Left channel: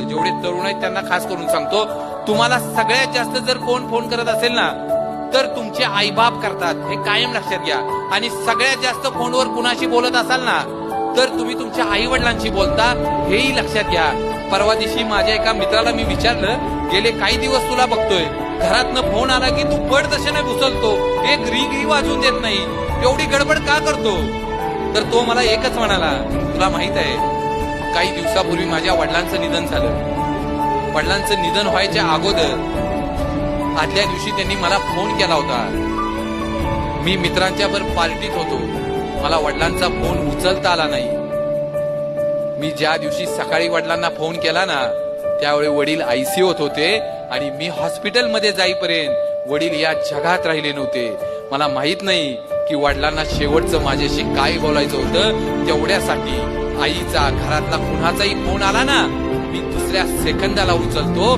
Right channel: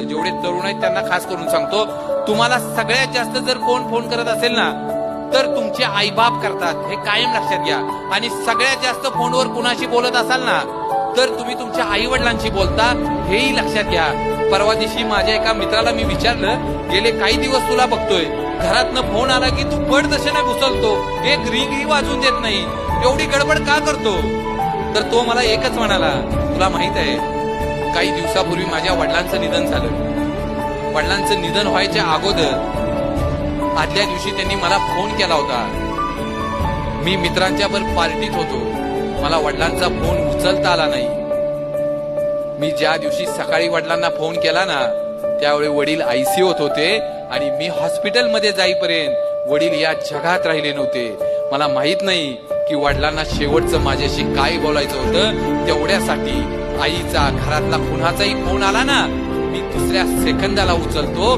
जेवढे तरुण आहेत त्यांना खास करून सांगतो, तुम्हाला सगळ्यात जास्त जर कोण फोन करत असेल ना तर तुमचे आईबाप करतात, हे कायम लक्षात घ्या. आणि सगळ्यात जास्त फोनवर कुणाशी बोलत असाल ना तर तुम्ही तुमच्या आई वडिलांशी बोलता, हेही लक्षात घ्या. परवा दिवशी माझ्या एका मित्राला मी विचारलं, गेले काही दिवस तुला बघतोय, घरातनं फोन आला की तू पडदशेने घुसलतो, एक रिंगही वाजून देत नाही, एवढी गडबड का करतो? तर तो मला एकच म्हणाला, तुला माहित आहे काही दिवसापूर्वी माझ्या वडिलांचं निधन झालं. वडिलांचं निधन व्हायच्या अगोदर आदल्या दिवशी त्यांनी मला फोन केला होता. मी मित्रांच्या बरोबर पार्टीत होतो, मला वडिलांचा फोन उचलता आला नाही. मी ज्या दिवशी सकाळी वडिलांना फोन केला ना त्यावेळी वडील आयसीयूत होते आणि मी हॉस्पिटलमध्ये जाईपर्यंत वडील या जगात राहिले नव्हते. मला माहित नाही की वडिलांना शेवटचं माझ्याशी काय बोलायचं होतं. तेवढ्यासाठी आईचा, घरातला कुणाचाही फोन आला ना मी दुसऱ्या सेकंदाला उचलतो.